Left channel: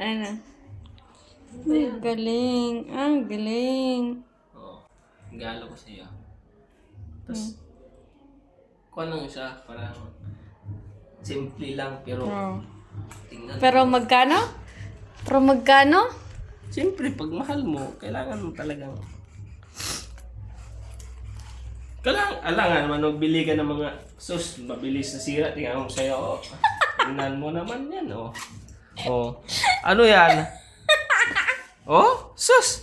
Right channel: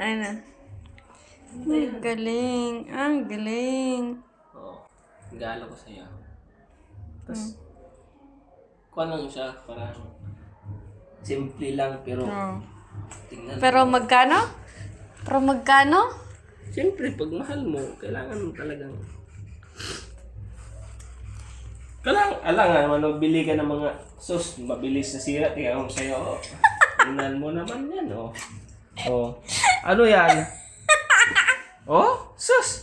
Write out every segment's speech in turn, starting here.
Ano? Ang galing. Ang galing. Oo. Gala ko sa'yo. Tapos, kuha lang siya. Parang simple lang pero Oh. tingnan Pero mo. magkano? Pero magkano? Siyempre, pag mahal mo, kailangan mo talagang alangan mo, bili ka ng mga sus, mabilis na sira, tingnan mo sa'yo, oh. Tingnan mo naman yan, oh. Oh. Ano yan? Oh? Sus!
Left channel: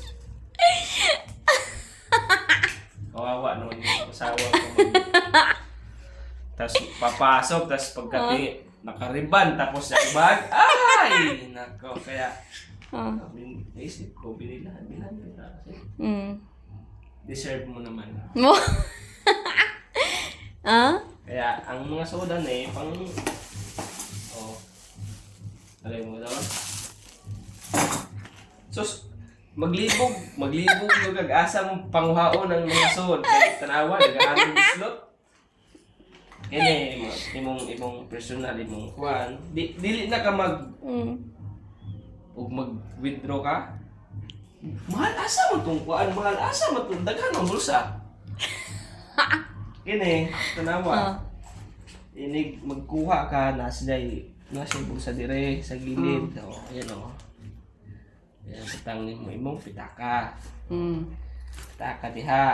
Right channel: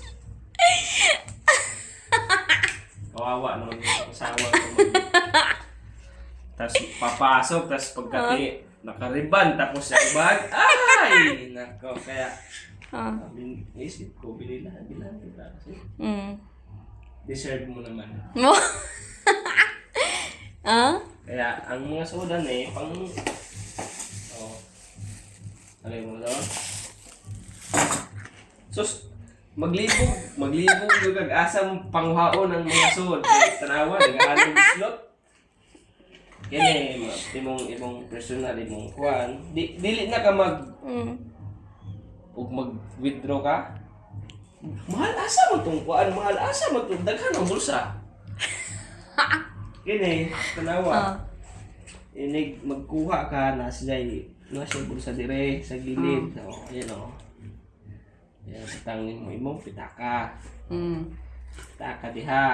Kawawa naman yung asawa ko. Tapos papasok, tapos pagkati, nakariban, tapos yung bag, ay! Nako, kaya, Ah. naisip ko, bilan kita kasi Mm. deserve mo naman. Mo? Ah? Kaya, ang mga soda na pang, oh, alay mo daw. Sus, maglibog yung kag-asa mong panghaon ng mga sod. Tanawa, nag-aaling bislot. Kaya imong personal, imong kuhan. Dili na ka Mm. mag-withdraw ka. Mahal asa mo itong kuhan, mahal asa mo itong daghan ng bulsa. Kini, tanawa. Ah. Inig magkuha ka na sila'y bulsa dire sa gilid. Oh, ayan oh. Yan, butang mo imong pitaka. Mm. Pitaka diha.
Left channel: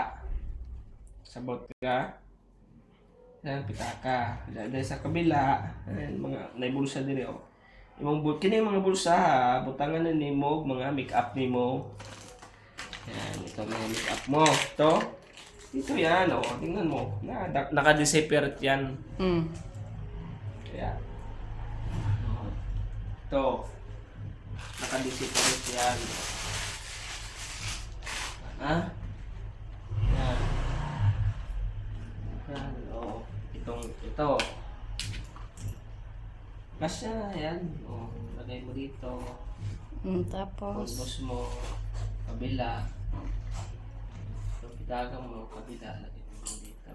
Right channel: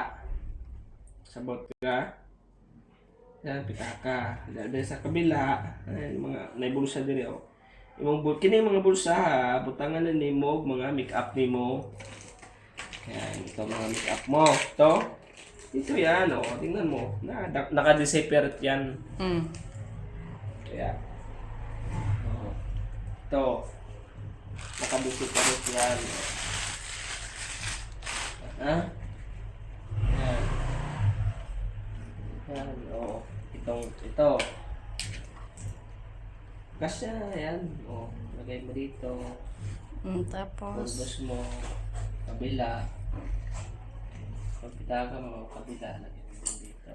Sabot ka. Yan, pitaka. Dada sa kabila. Ay, mga naibulsa dire oh. Kini mga bulsa ha, butangan na nimo mga make-up nimo. Yan, ito mga make-up mo. Ito. Ito yan oh, tingnan mo. Naka-separate yan. Mm. Kaya. Ito. Naka-separate yan. Ha? Yan. Yan, oo. Ito. Kasya, yan. O, lagay mo dito. Tapos. Pulbos mo. Kabila. Pagpitaga mo, kabila. Lagay mo dito.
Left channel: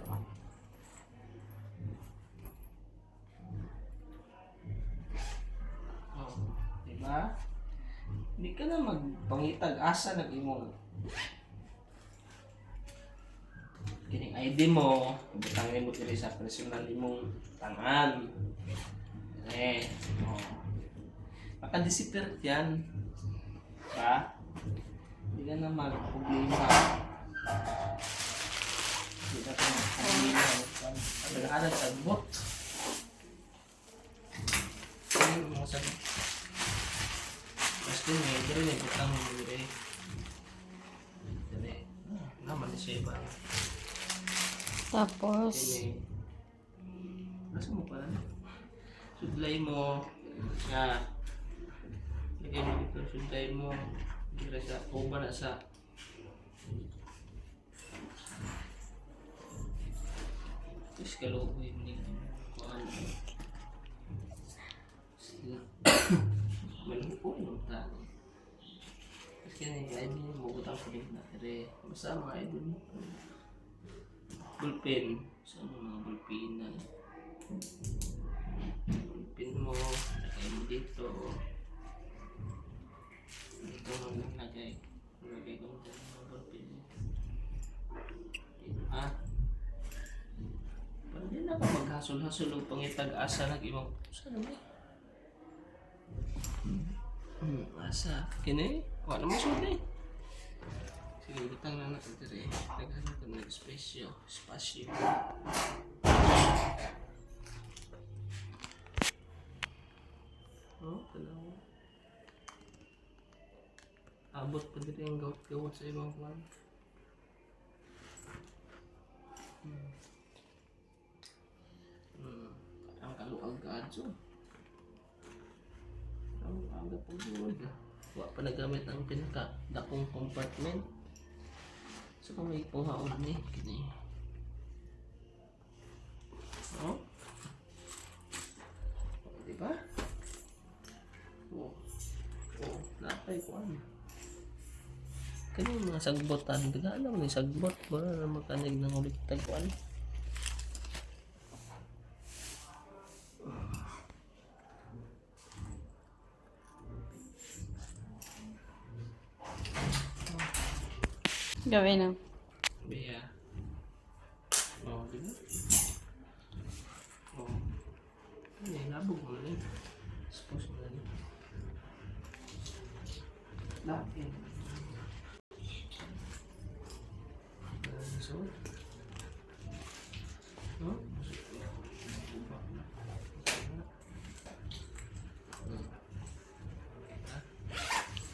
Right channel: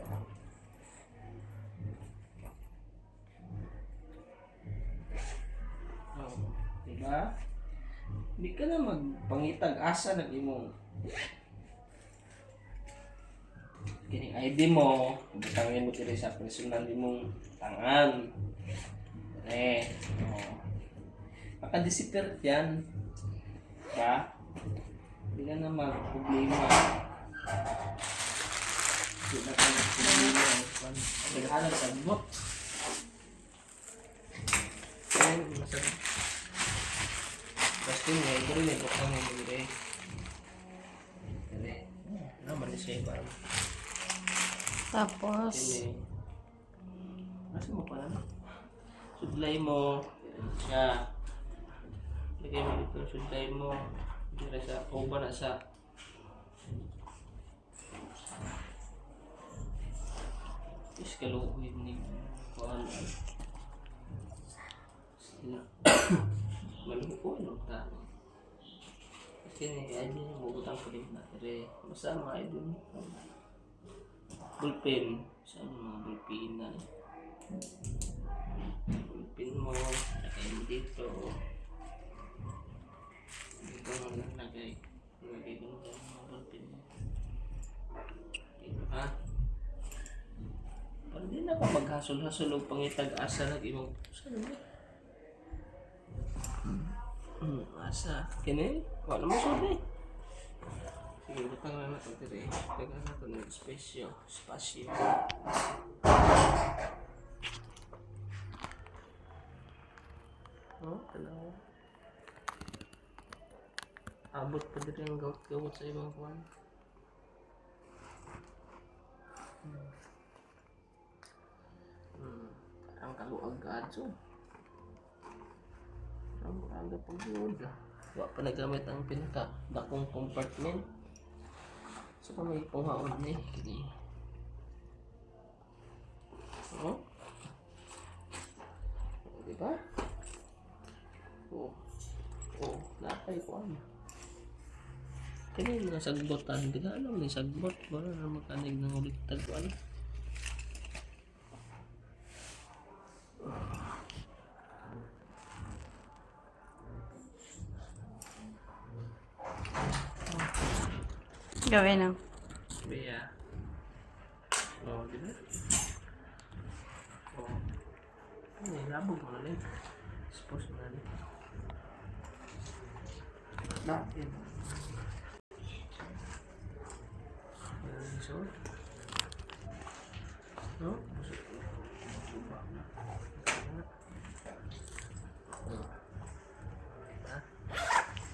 O, diba? Hindi ka na magpangitag asa ng imong kining ID mo, butangin mo diri sa personal imong tangan. Maka-disappear yan. Ha? Hindi ka naman problema. Hindi na tayo problema. Naghahanap sa bot. Ay, masarap. Basta nga, ito rin ay butang mo diri. Dali. Naman siya ba? Tapos. Ini. Nasa mo pa? Sudlay mo. Siya. Lagay mo dito. Sudlay mo. Dito sa uba na sa. Is kaluhin ni kuan. Malaki po yung tao. Kasi ay hindi mo butang kulit na. Pero masama ay dun. Bulpen. Saan mga bulpinan? Bulpin mo. Lagay mo dito. Dito mo lagay. Lagay ko dyan mga bulpin mo. Ha? Parang di na ka maghasol-hasol o pangitag-asa ng ibang... Saan ba? Asa? Kini? Wala mo siya eh. Sige, butang na natin dito eh. Tagaan na ito ng spasyo. Oh, talaga. Abot pa dito yung gawat sa ibang kuwan. Ang kaluag kadso. Ang aga pag-iwan ka. Wa pa nagamit ang pinaka-dakong compartment. So kung may panghaon ni kini. Oh? Diba? Oh. Oh, napay ko ano. Kani mga sagbotan, di ka alam may sagbot ba na makanig ng ulit tagpuan. Gawin na. Bea. Oh, di ba? Oh. Ano eh, labog mo na eh. Suppose mo na eh. Natin. So, no?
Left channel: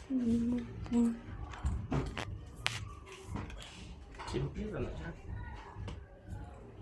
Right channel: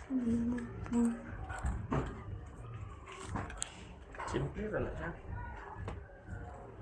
Mm.